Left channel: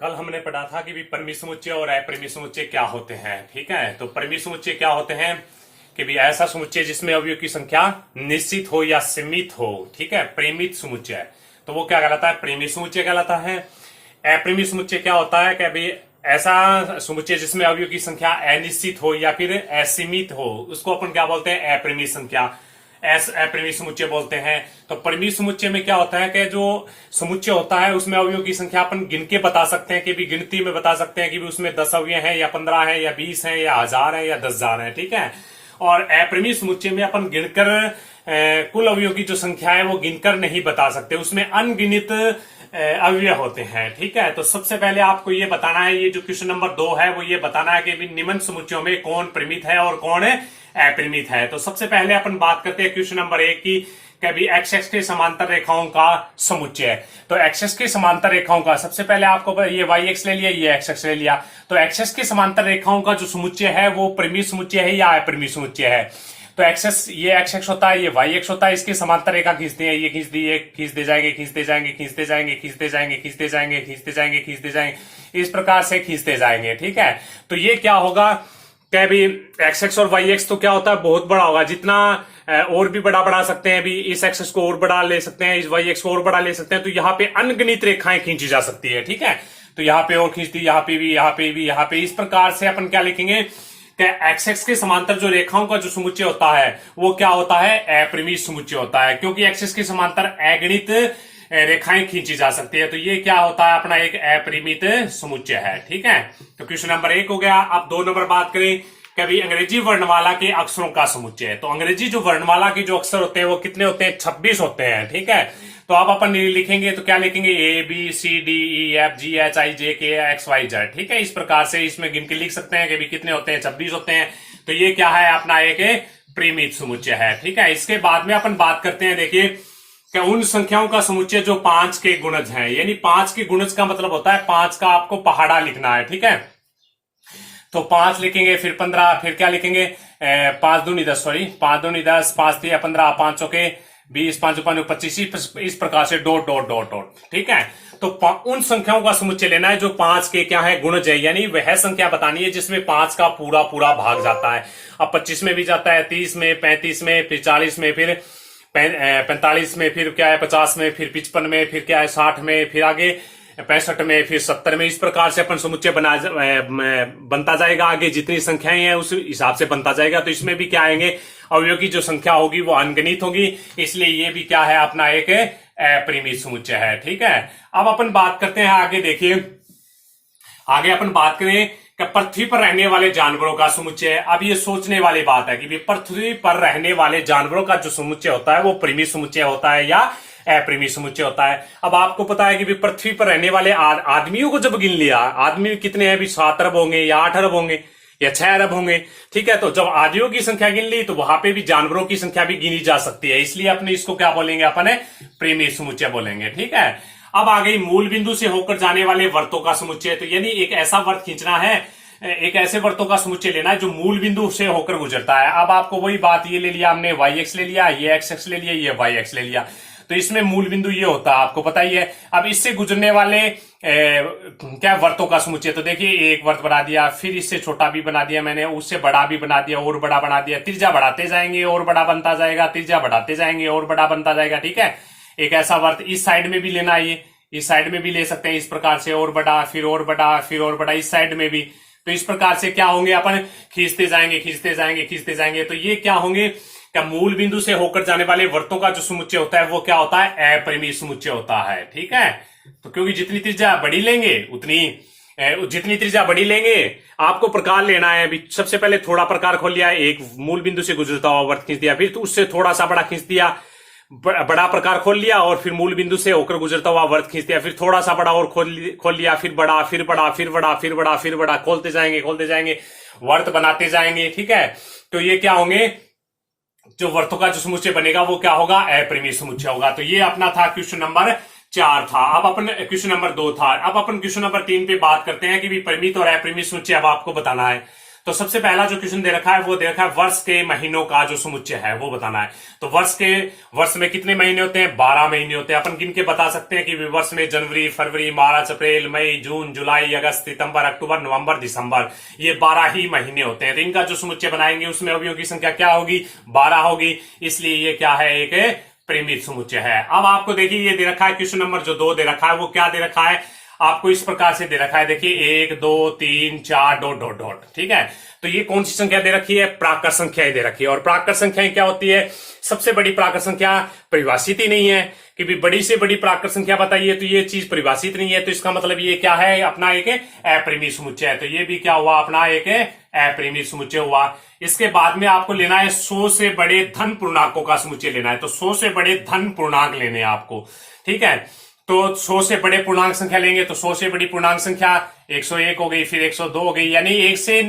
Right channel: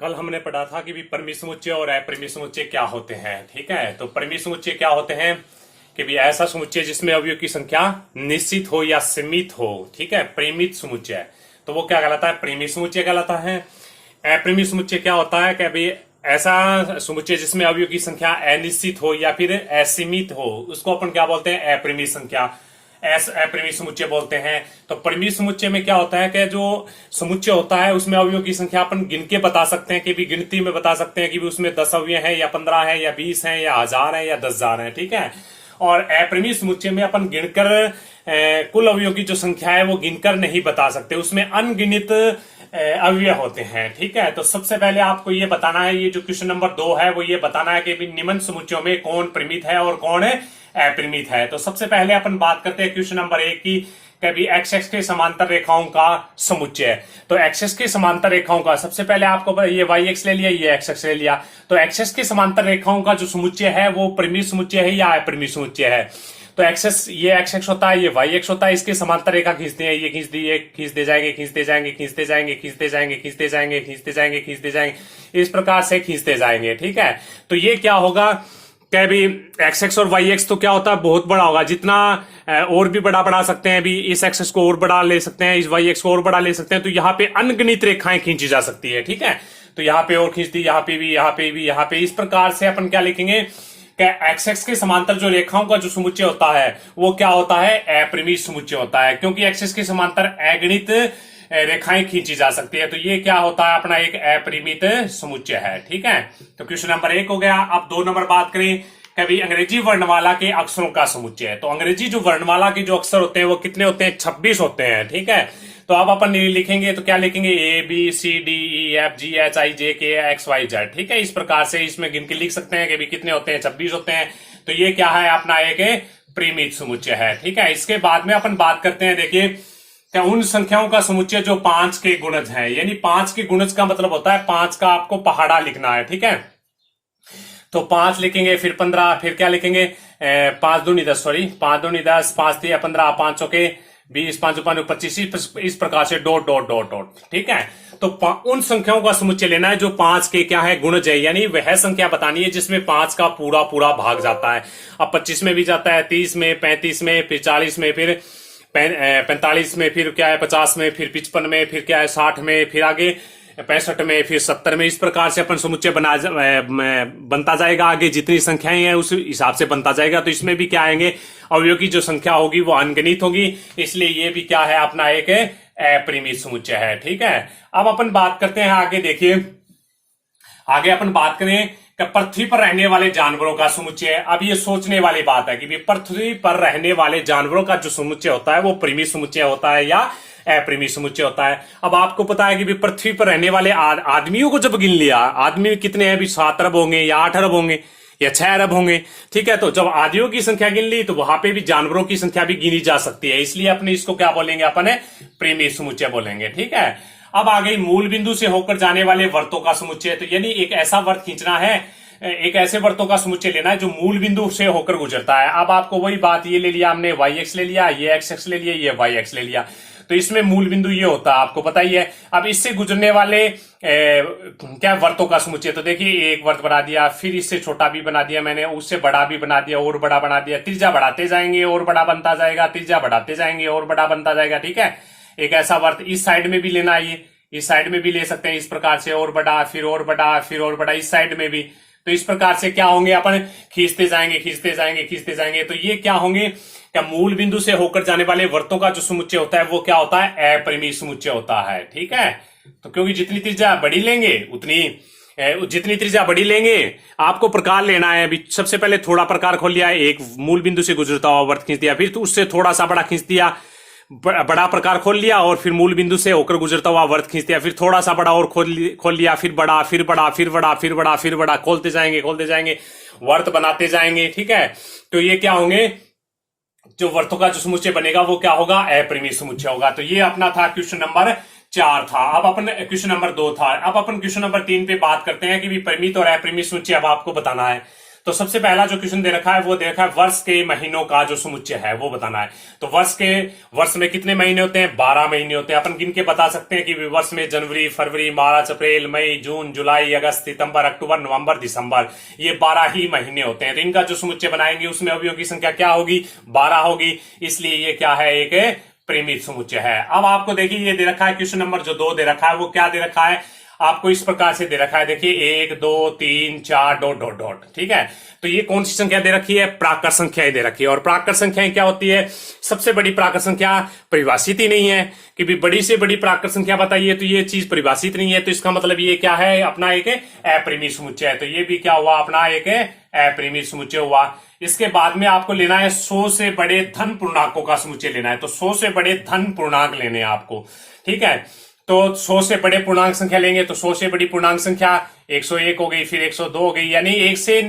कल हमने पढ़ा था कि भी परिमित समुच्चय और अपरिमित समुच्चय क्या होते हैं। ठीक है, तो परिमित समुच्चय क्या होते हैं कि भी ऐसा समुच्चय जिसमें अवयव की संख्या निश्चित हो या सीमित हो। ठीक है, परिमित समुच्चय तो वो क्या कहलाता है? परिमित समुच्चय कहलाता है। अपरिमित समुच्चय क्या होता है कि भी ऐसा समुच्चय जिसमें अवयव की संख्या अनिश्चित हो या फिर असीमित हो, उसको अपन क्या बोलते हैं? अपरिमित संख्या, अपरिमित समुच्चय बोलते हैं। तो परिमित समुच्चय में क्या होता है कि जो समुच्चय होता है उसमें अवयवों की संख्या अपन गिन के बता सकते हैं कि भी गिनती में बता सकते हैं कि भी उसमें 10 अवयव हैं या 15 है या 20 है या 1000 है या 10,000 है। ठीक है, और अपरिमित समुच्चय में अपन गिनकर कुल अवयवों की जो संख्या है वो गिनकर नहीं बता सकते, उसमें अनगिनित अवयव होते हैं। ठीक है, तो सबसे पहले आपको ये बताना है, ये जो क्वेश्चन नंबर 2 है वो ये बताना है कि निम्न समुच्चयों में कौन परिमित है और कौन अपरिमित है। तो सबसे पहले अपन बात करते हैं क्वेश्चन नंबर 1 की, कभी एक्स एक्स के समांतर रेखाओं का समुच्चय। तो एक्स एक्स के समांतर रेखाओं का, सबसे पहले आपको ये वाई एक्स ले लिया, ये एक्स एक्स ले लिया, तो एक्स एक्स के समांतर रेखाओं का जो समुच्चय है वो परिमित समुच्चय है या अपरिमित समुच्चय है। तो एक्सेस, ये एक्स एक्स होता है, ये वाई एक्स होता है, इसके समांतर रेखा खींचते हैं, ये खींच दी, ये खींचते जाएंगे, खींचते जाएंगे, खींचते जाएंगे, खींचते जाएंगे, खींचते जाएंगे, खींचते जाएंगे, खींचते जाएंगे, इस प्रकार से खींचते जाएंगे। ठीक है, तो ये क्या होगा क्या भी एक्स एक्स और वाई एक्स तो क्या होता है? बहुत बड़ा होगा, जितना और भी बड़ा बढ़ा सकते हैं, भी इस एक्सेस को और बड़ा ले सकते हैं, इस वाई एक्स को और बड़ा ले सकते हैं, तो यहाँ पे अनगिनत रेखाएं खींची जा सकती है। ठीक है, तो यहाँ पे और खींच दी, यहाँ पे भी, यहाँ पे भी, यहाँ पे, इस प्रकार से अपन क्या लिखेंगे? एक्स एक्स के समांतर जो रेखाओं का जो समुच्चय होता है वो क्या होता है? अपरिमित समुच्चय होता है, क्योंकि एक्स एक्स के समांतर अगणित रेखाएं खींची जा सकती है। तो ये क्या होता है? अपना एक अपरिमित समुच्चय है। ठीक है, तो क्वेश्चन नंबर 1 हो गया। अब 2 नंबर बात करें, कभी अंग्रेजी वर्णमाला के अक्षरों का समुच्चय। तो अंग्रेजी जो वर्णमाला के जो अक्षर होते हैं वो कितने होते हैं? 26 होते हैं। ठीक है, तो अब अपन लिखेंगे तो क्या लिखेंगे? A B C D E F G H I J K X Y Z. ठीक है, इस प्रकार से इसमें गिन के लिख सकते हैं कि भी कितने होते हैं? 26 होते हैं। तो ये क्या है? अपना एक परिमित समुच्चय है। ठीक है, इसके बाद में अपन बात करते हैं, देखिए क्या उन संख्याओं का समुच्चय जो 5 के गुणज है, यानी 5 के गुणज का मतलब होता है 5 का आपको पहाड़ा लिखना है। ठीक है, तो 5 लिखेंगे, फिर 15, फिर क्या लिखेंगे? 5 दूनी 10, सॉरी 5 दूनी 10, 5 3 15, 5 चौके 20, 5 5 25, इस प्रकार से डॉट डॉट डॉट डॉट। ठीक है, तो उन संख्याओं का समुच्चय लेना है जो 5 के क्या है? गुणज है, यानी वह संख्या बतानी है जिसमें 5 का पूरा पूरा भाग जाता है। अब 25 में भी जाता है, 30 में, 35 में, फिर 40 में, फिर 45 में, फिर क्या है 50 में, फिर 55 में, फिर क्या है 60 में, फिर आगे 65 में, फिर 70 में, इस प्रकार से अपन समुच्चय बनता जाएगा। आगे जितनी संख्याएं हैं उस हिसाब से बनता जाएगा। तो इसमें भी क्या आएंगे? अवयव की जो संख्या होगी वो अनगिनत होगी, इसलिए ये भी क्या है? अपना एक अपरिमित समुच्चय है। ठीक है, अब अपन बात करते हैं आगे। देखिए आगे अपन बात करें कि पृथ्वी पर रहने वाले जानवरों का समुच्चय। अब ये सोचने वाली बात है कि पृथ्वी पर रहने वाले जानवरों का जो समुच्चय होता है वो परिमित समुच्चय होता है या अपरिमित समुच्चय होता है। अब आपको पता है कि पृथ्वी पर रहने वाले आदमियों को जब गिन लिया, आदमी कितने हैं? 7 अरब होंगे या 8 अरब होंगे या 6 अरब होंगे। ठीक है, तो जब आदियों की संख्या गिन ली तो वहां पे भी जानवरों की संख्या भी गिनी जा सकती है, इसलिए अपने इसको क्या बोलेंगे? अपन परिमित समुच्चय बोलेंगे। ठीक है, अब आ गई मूल बिंदु से होकर जाने वाले वर्तों का समुच्चय। तो यानी एक ऐसा वर्त खींचना है, एक ऐसे वर्तों का समुच्चय लेना है जो मूल बिंदु से होकर गुजरता है। अब आपको वही बात, ये ले लिया हमने, वाई एक्स ले लिया, ये एक्स एक्स ले लिया, ये वाई एक्स ले लिया, तो इसमें मूल बिंदु ये होता है, आपको पता ही है। अब इससे गुजरने वाले क्या वर्तों का समुच्चय, तो देखिए एक वर्त बना दिया, फिर इससे छोटा भी बना दिया मैंने, उससे बड़ा भी बना दिया, और बड़ा बना दिया, त्रिज्या बढ़ाते जाएंगे और बड़ा बनता जाएगा, त्रिज्या बढ़ाते जाएंगे और बड़ा बनता जाएगा। ठीक है, एक ऐसा वर्त इस साइड में भी लेना है, इस साइड में भी ले सकते हैं, इस प्रकार से और बड़ा, फिर और बड़ा, फिर और बड़ा, इस साइड में भी। तो इस प्रकार से क्या होंगे? अपन खींचते जाएंगे, खींचते जाएंगे, खींचते जाएंगे। तो ये क्या होंगे? क्या मूल बिंदु से होकर जाने वाले वर्तों का जो समुच्चय होता है वो क्या होता है? अपरिमित समुच्चय होता है। ठीक है, तो क्योंकि जितनी त्रिज्या बड़ी लेंगे जितनी त्रिज्या बड़ी लेंगे, आपको प्रकार लेना है। अभी सबसे पहले थोड़ा प्रकार खोल लिया, एक मूल बिंदु से गुजरता हुआ वर्त खींच दिया, फिर उससे थोड़ा सा बड़ा खींच दिया, बड़ा प्रकार खोल लिया, और फिर मूल बिंदु से होकर गुजरता हुआ वर्त खींच दिया, फिर थोड़ा सा बड़ा और खोल लिया, फिर बड़ा, फिर बड़ा, फिर बड़ा, फिर बड़ा, फिर बड़ा, खोलते जाएंगे, वर्त बनाते जाएंगे। ठीक है, तो ये क्या होंगे? जो वर्तों का जो समुच्चय बनेगा वो क्या होगा? अपरिमित समुच्चय होगा। तो ये अपना था क्वेश्चन नंबर 4 था। अब अपन क्वेश्चन नंबर 2 था। अब अपन क्वेश्चन नंबर 3 पे बात करते हैं कि भी परिमित और अपरिमित समुच्चय अब आपको बताना है। तो सबसे पहला जो क्वेश्चन दे रखा है वो दे रखा है वर्ष के महीनों का जो समुच्चय है वो बताना है। तो वर्ष में कितने महीने होते हैं? 12 महीने होते हैं। अपन गिन के बता सकते हैं कि वर्ष में जनवरी, फरवरी, मार्च, अप्रैल, मई, जून, जुलाई, अगस्त, सितंबर, अक्टूबर, नवंबर, दिसंबर, ये 12 ही महीने होते हैं। तो इनका जो समुच्चय बनाएंगे उसमें अवयवों की संख्या क्या होगी? 12 होगी। इसलिए ये क्या है? एक परिमित समुच्चय है। अब आपको देखिए ये दे रखा है क्वेश्चन नंबर जो 2 दे रखा है वो क्या दे रखा है आपको? इस प्रकार से दे रखा है, देखिए 1 2 3 4 डॉट डॉट डॉट। ठीक है, तो ये कौन सी संख्या दे रखी है? प्राकृत संख्याएं दे रखी है। और प्राकृत संख्याएं क्या होती है? सबसे बड़ी प्राकृत संख्या परिभाषित ही नहीं है कि भी बड़ी से बड़ी प्राकृत संख्या बताइए, तो ये चीज परिभाषित नहीं है। तो इसका मतलब ये क्या है? अपना एक अपरिमित समुच्चय है। तो ये भी क्या हुआ? अपना एक अपरिमित समुच्चय हुआ। इसके बाद में आपको लेना है 100 से बड़े धन पूर्णांकों का समुच्चय लेना है। तो 100 से बड़े धन पूर्णांक लेने हैं आपको। ठीक है, तो 100 से बड़े पूर्णांक संख्या लेंगे तो 100 से बड़ी पूर्णांक संख्या 101 हो गई, फिर 102 हो गई, यानी 1 से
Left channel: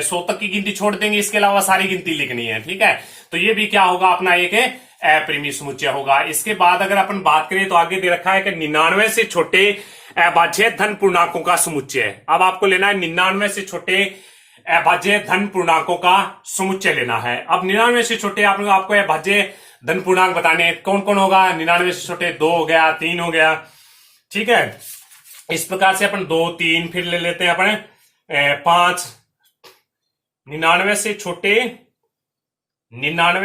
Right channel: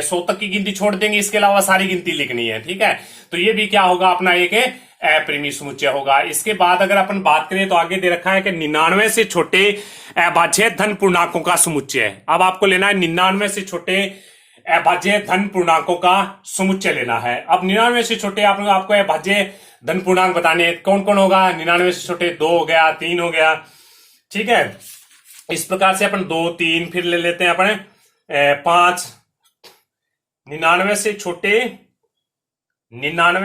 100 तक की गिनती छोड़ देंगे, इसके अलावा सारी गिनती लिखनी है। ठीक है, तो ये भी क्या होगा? अपना एक अपरिमित समुच्चय होगा। इसके बाद अगर अपन बात करें तो आगे दे रखा है कि 99 से छोटे अभाज्य धन पूर्णांकों का समुच्चय। अब आपको लेना है 99 से छोटे अभाज्य धन पूर्णांकों का समुच्चय लेना है। अब 99 से छोटे आपको अभाज्य धन पूर्णांक बताने हैं। कौन कौन होगा? 99 से छोटे 2 हो गया, 3 हो गया। ठीक है, इस प्रकार से अपन 2 3 फिर ले लेते हैं अपन 5। 99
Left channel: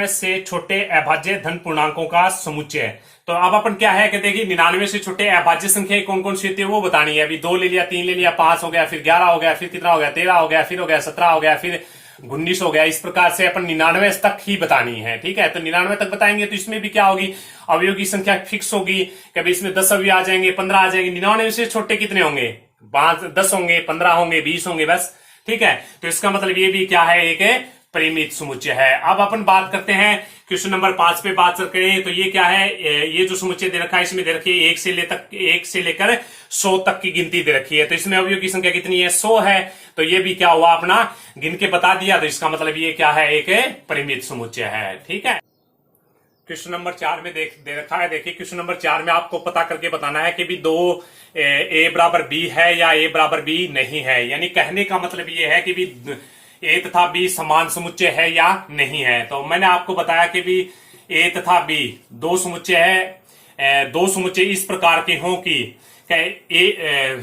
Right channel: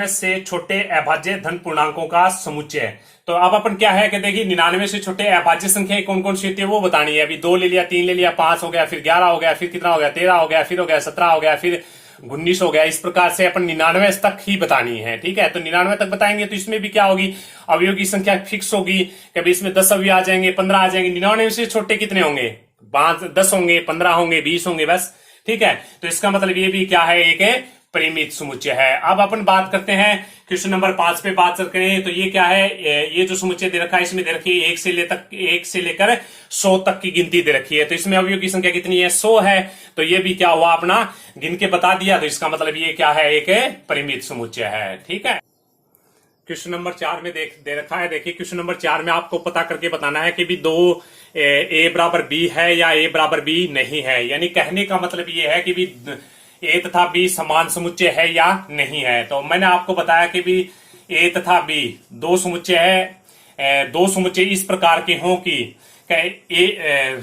से छोटे अभाज्य धन पूर्णांकों का समुच्चय। तो अब अपन क्या है कि देखिए 99 से छोटे अभाज्य संख्या कौन कौन सी होती है वो बतानी है। अभी 2 ले लिया, 3 ले लिया, 5 हो गया, फिर 11 हो गया, फिर कितना हो गया? 13 हो गया, फिर हो गया 17 हो गया, फिर 19 हो गया। इस प्रकार से अपन 99 तक ही बतानी है। ठीक है, तो 99 तक बताएंगे तो इसमें भी क्या होगी? अवयव की संख्या फिक्स होगी। कभी इसमें 10 अवयव आ जाएंगे, 15 आ जाएंगे। 99 से छोटे कितने होंगे? 10 होंगे, 15 होंगे, 20 होंगे बस। ठीक है, तो इसका मतलब ये भी क्या है? एक परिमित समुच्चय है। अब अपन बात करते हैं क्वेश्चन नंबर 5 पे बात करते हैं। तो ये क्या है? ये जो समुच्चय दे रखा है इसमें दे रखी है 1 से लेकर 100 तक की गिनती दे रखी है। तो इसमें अवयव की संख्या कितनी है? 100 है। तो ये भी क्या हुआ? अपना गिन के बता दिया। तो इसका मतलब ये क्या है? एक परिमित समुच्चय है। ठीक है, क्वेश्चन नंबर 4 में दे रखा है। देखिए क्वेश्चन नंबर 4 में आपको पता करके बताना है कि भी 2 ए बराबर बी है या ए बराबर बी नहीं है। यानी कहने का मतलब ये है कि भी ए तथा बी समान समुच्चय है या नहीं है। तो मैंने आपको बताया कि भी ए तथा बी दो समुच्चय है। दो समुच्चय इस प्रकार के हों कि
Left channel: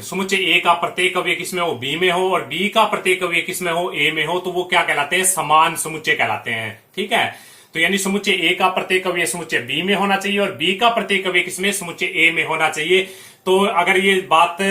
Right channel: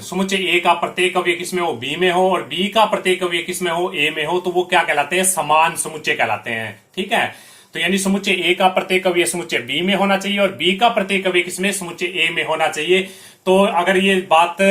समुच्चय ए का प्रत्येक अवयव किसमें हो? बी में हो, और बी का प्रत्येक अवयव किसमें हो? ए में हो, तो वो क्या कहलाते हैं? समान समुच्चय कहलाते हैं। ठीक है, तो यानी समुच्चय ए का प्रत्येक अवयव समुच्चय बी में होना चाहिए और बी का प्रत्येक अवयव किसमें? समुच्चय ए में होना चाहिए। तो अगर ये बात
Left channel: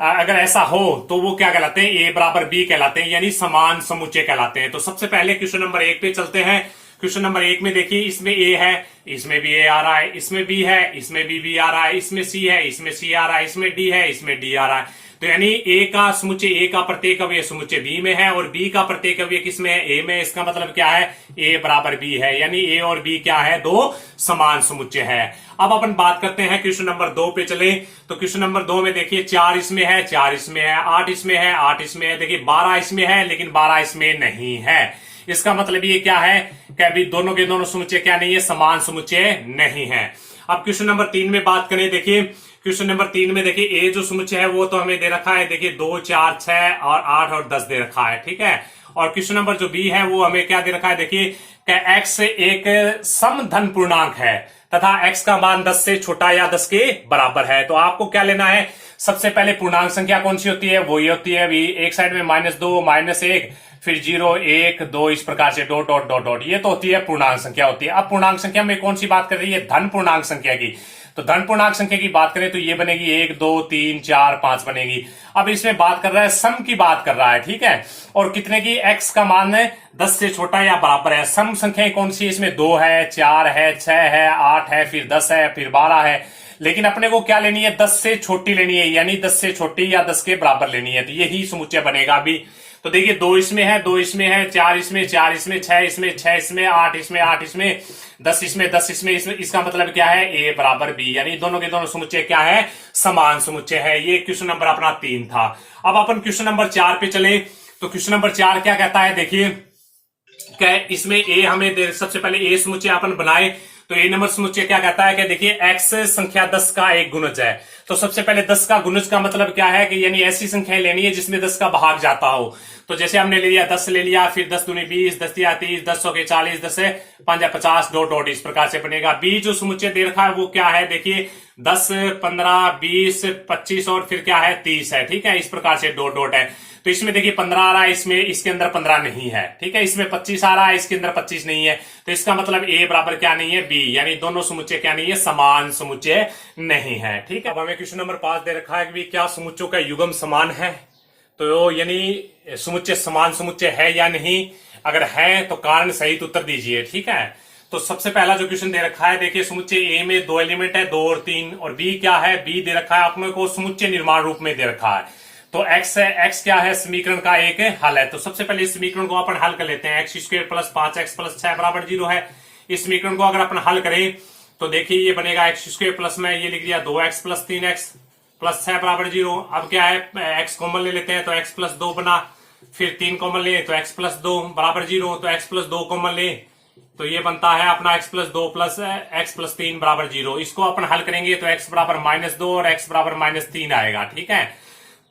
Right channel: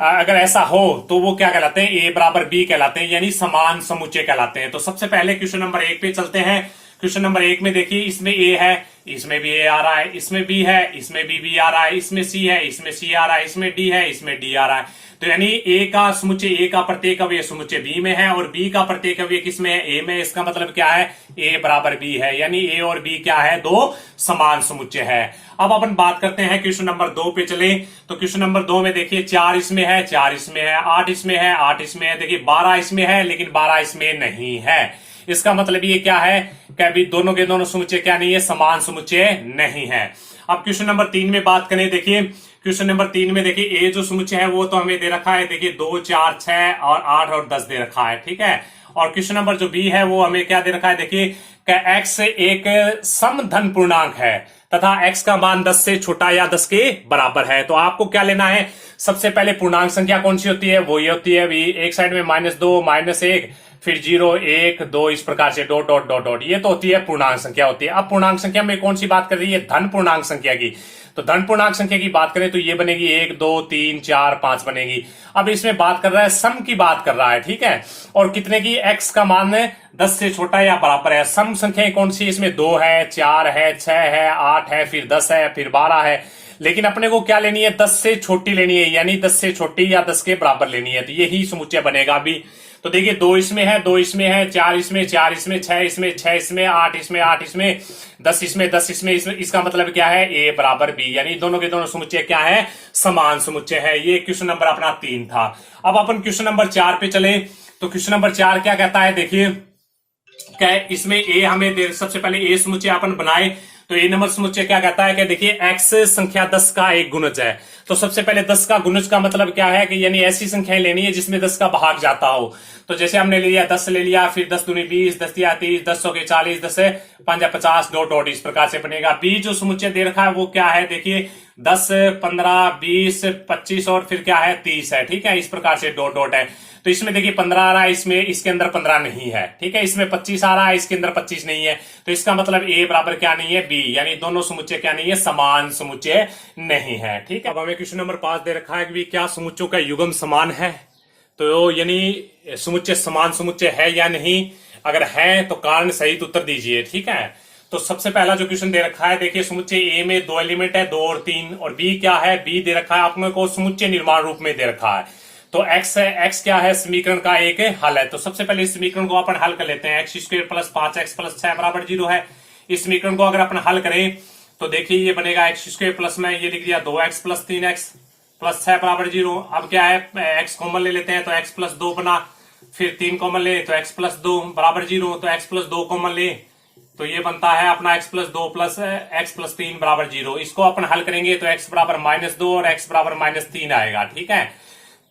अगर ऐसा हो तो वो क्या कहलाते हैं? ए बराबर बी कहलाते हैं, यानी समान समुच्चय कहलाते हैं। तो सबसे पहले क्वेश्चन नंबर 1 पे चलते हैं। क्वेश्चन नंबर 1 में देखिए इसमें ए है, इसमें भी ए आ रहा है, इसमें बी है, इसमें बी आ रहा है, इसमें सी है, इसमें सी आ रहा है, इसमें डी है, इसमें डी आ रहा है। तो यानी ए का समुच्चय ए का प्रत्येक अवयव समुच्चय बी में है और बी का प्रत्येक अवयव किसमें है? ए में। इसका मतलब क्या है? ए बराबर बी है, यानी ए और बी क्या है? दो समान समुच्चय है। अब अपन बात करते हैं क्वेश्चन नंबर 2 पे चले। तो क्वेश्चन नंबर 2 में देखिए 4 इसमें है, 4 इसमें है, 8 इसमें है, 8 इसमें है, देखिए 12 इसमें है, लेकिन 12 इसमें नहीं है। इसका मतलब ये क्या है कि अभी दोनों के दोनों समुच्चय क्या नहीं है? समान समुच्चय नहीं है। अब क्वेश्चन नंबर 3 में बात करें। देखिए क्वेश्चन नंबर 3 में देखिए ए जो समुच्चय है वो तो हमें दे रखा है, देखिए 2 4 6 और 8 और 10 दे रखा है। ठीक है, और क्वेश्चन नंबर जो बी है वो हमें क्या दे रखा है? देखिए एक्स एक सम धन पूर्णांक है तथा x का मान 10 से छोटा या 10 के बराबर है। तो आपको क्या लेना है? सबसे पहले पूर्णांक संख्या कौन सी होती है? वो ये होती है अभी एक साइड में -2 -1 फिर 0 1 2 इस प्रकार से डॉट डॉट डॉट डॉट, ये तो होती है पूर्णांक संख्या होती है। अब पूर्णांक संख्या में कौन सी बात कर रही है? धन पूर्णांक संख्या की। तो धन पूर्णांक संख्या की बात करें तो ये बनेगी 1 2 3 4 5 बनेगी। अब इसमें बात कर रहा है सम की बात कर रहा है। ठीक है, और कितने की? x का मान 10 से छोटा या बराबर है। सम संख्याएं कौन सी? इसमें 2 है, 4 है, 6 है, 8 है, फिर 10 है, फिर 12 है। लेकिन अपने को क्या लेनी है? 10 से छोटी लेनी है, यानी 10 से छोटी या 10 के बराबर लेनी है। तो यही समुच्चय बनेगा अभी। तो देखिए 2 इसमें है, 2 इसमें है, 4 इसमें, 4 इसमें, 6 इसमें, 6 इसमें, 8 इसमें, 8 इसमें, 10 इसमें, 10 इसमें। इसका मतलब क्या है? ए बराबर बी, यानी दोनों के दोनों समुच्चय क्या है? समान समुच्चय है। ये क्वेश्चन नंबर अपना 3 था। अब अपन क्वेश्चन नंबर 4 पे चले। तो क्वेश्चन नंबर 4 क्या कहता है? देखिए इसमें ए हमें सबसे पहले ए समुच्चय अपन बनाए। तो ए नंबर समुच्चय क्या कहता है कि देखिए x संख्या 10 का एक गुणज है तो सबसे पहले 10 का गुणज का मतलब क्या है कि यानी ऐसी संख्याएं लेनी है जिसमें 10 का भाग जाता हो। तो जैसे हमने ले लिया 10 ले लिया, फिर 10 दूनी 20, 10 तिया 30, 10 सौ के 40, 10 से 5 50 डॉट डॉट इस प्रकार से बनेगा। बी जो समुच्चय दे रखा है वो क्या है, देखिए 10, 15, 20, 25 और फिर क्या है 30 है, ठीक है, इस प्रकार से डॉट डॉट है। तो इसमें देखिए 15 आ रहा है, इसमें इसके अंदर 15 नहीं है, ठीक है, इसमें 25 आ रहा है, इसके अंदर 25 नहीं है। तो इसका मतलब ए बराबर क्या नहीं है, बी, यानी दोनों समुच्चय क्या नहीं है, समान समुच्चय नहीं है, ठीक है। अब हमें क्वेश्चन नंबर 5 दे रखा है कि क्या समुच्चयों का युग्म समान है, तो यानी समुच्चय समान समुच्चय है या नहीं, अगर है तो कारण सहित उत्तर दीजिए, ठीक है। तो सबसे पहला जो क्वेश्चन दे रखा है, देखिए समुच्चय ए में 2 एलिमेंट है, 2 और 3, और बी क्या है, बी दे रखा है आपने को समुच्चय निर्माण रूप में दे रखा है। तो एक्स है, एक्स क्या है, समीकरण का एक हल है। तो सबसे पहले इस समीकरण को अपन हल कर लेते हैं। X square plus 5x plus 6 बराबर 0 है। इस समीकरण को अगर अपन हल करें तो देखिए ये बनेगा एक्स स्क्वायर प्लस में ये लिख लिया 2x प्लस 3x प्लस 6 बराबर 0। अब क्या है, एक्स कॉमन ले लेते हैं तो एक्स प्लस 2 बना, फिर 3 कॉमन ले तो एक्स प्लस 2 बराबर 0, तो एक्स प्लस 2 कॉमन ले तो ये बनता है अपना x plus 2 plus x plus 3 बराबर 0। इसको अपन हल करेंगे तो x बराबर -2 और x बराबर -3 आएगा, ठीक है।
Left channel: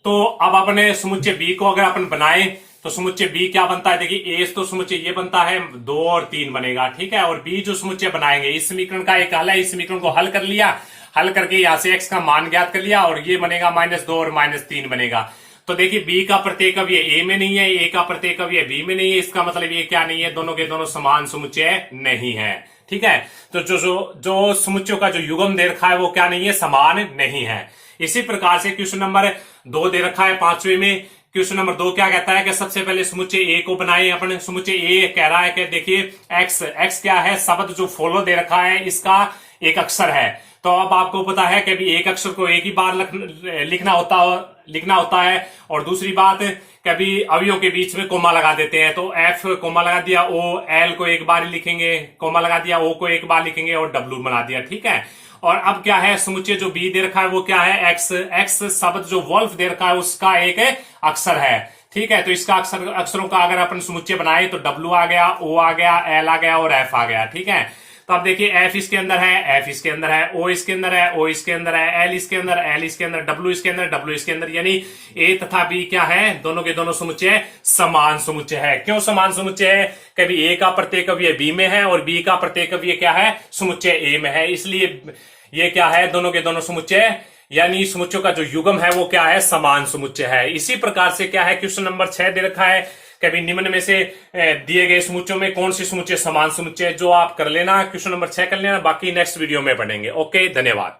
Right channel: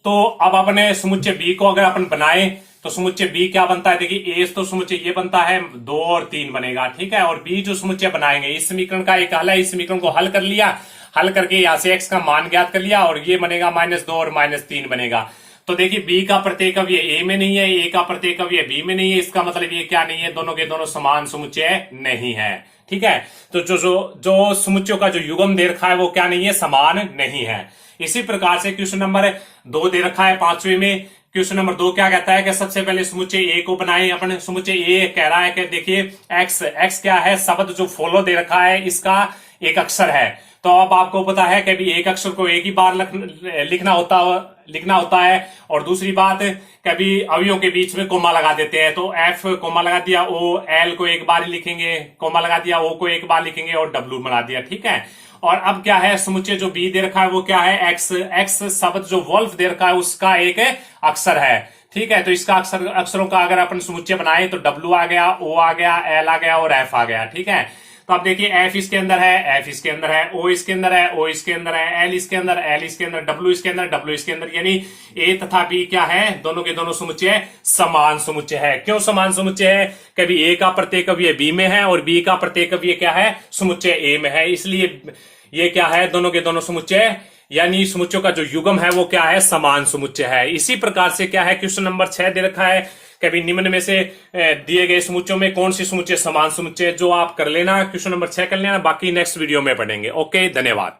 तो अब अपने समुच्चय बी को अगर अपन बनाए तो समुच्चय बी क्या बनता है, देखिए ए तो समुच्चय ये बनता है 2 और 3 बनेगा, ठीक है। और बी जो समुच्चय बनाएंगे इस समीकरण का एक हल है, इस समीकरण को हल कर लिया, हल करके यहां से x का मान ज्ञात कर लिया और ये बनेगा -2 और -3 बनेगा। तो देखिए बी का प्रत्येक अवयव ए में नहीं है, ए का प्रत्येक अवयव बी में नहीं है, इसका मतलब ये क्या नहीं है, दोनों के दोनों समान समुच्चय नहीं है, ठीक है। तो जो समुच्चयों का जो युग्म दे रखा है वो क्या नहीं है, समान नहीं है। इसी प्रकार से क्वेश्चन नंबर 2 दे रखा है 5वें में। क्वेश्चन नंबर 2 क्या कहता है कि सबसे पहले समुच्चय ए को बनाए अपन। समुच्चय ए कह रहा है कि देखिए एक्स क्या है, शब्द जो फॉलो दे रखा है इसका एक अक्षर है। तो अब आपको पता है कि एक अक्षर को एक ही बार लिखना होता है, और दूसरी बात कभी अवयवों के बीच में कोमा लगा देते हैं। तो एफ कोमा लगा दिया, ओ एल को एक बार ही लिखेंगे, कोमा लगा दिया, ओ को एक बार लिखेंगे और डब्ल्यू बना दिया, ठीक है। और अब क्या है, समुच्चय जो बी दे रखा है वो क्या है, एक्स शब्द जो वोल्फ दे रखा है उसका एक अक्षर है, ठीक है। तो इसका अक्षरों का अगर अपन समुच्चय बनाए तो डब्ल्यू आ गया, ओ आ गया, एल आ गया और एफ आ गया, ठीक है। तो अब देखिए एफ इसके अंदर है, एफ इसके अंदर है, ओ इसके अंदर है, ओ इसके अंदर है, एल इसके अंदर, एल इसके अंदर, डब्ल्यू इसके अंदर, डब्ल्यू इसके अंदर, यानी ए तथा बी क्या है, दोनों के दोनों समुच्चय समान समुच्चय है। क्यों समान समुच्चय है, कभी ए का प्रत्येक अवयव बी में है और बी का प्रत्येक अवयव क्या है, समुच्चय ए में है, इसलिए ये क्या है, दोनों के दोनों समुच्चय यानी समुच्चयों का जो युग्म है वो क्या है, समान समुच्चय है। इसी प्रकार से क्या है, क्वेश्चन नंबर 6 दे रखा है कभी निम्न में से दिए गए समुच्चयों में कौन सी समुच्चय समान समुच्चय, जो आप कर लेना, क्वेश्चन नंबर 6 कर लेना, बाकी नेक्स्ट वीडियो में पढ़ेंगे। ओके, धन्यवाद।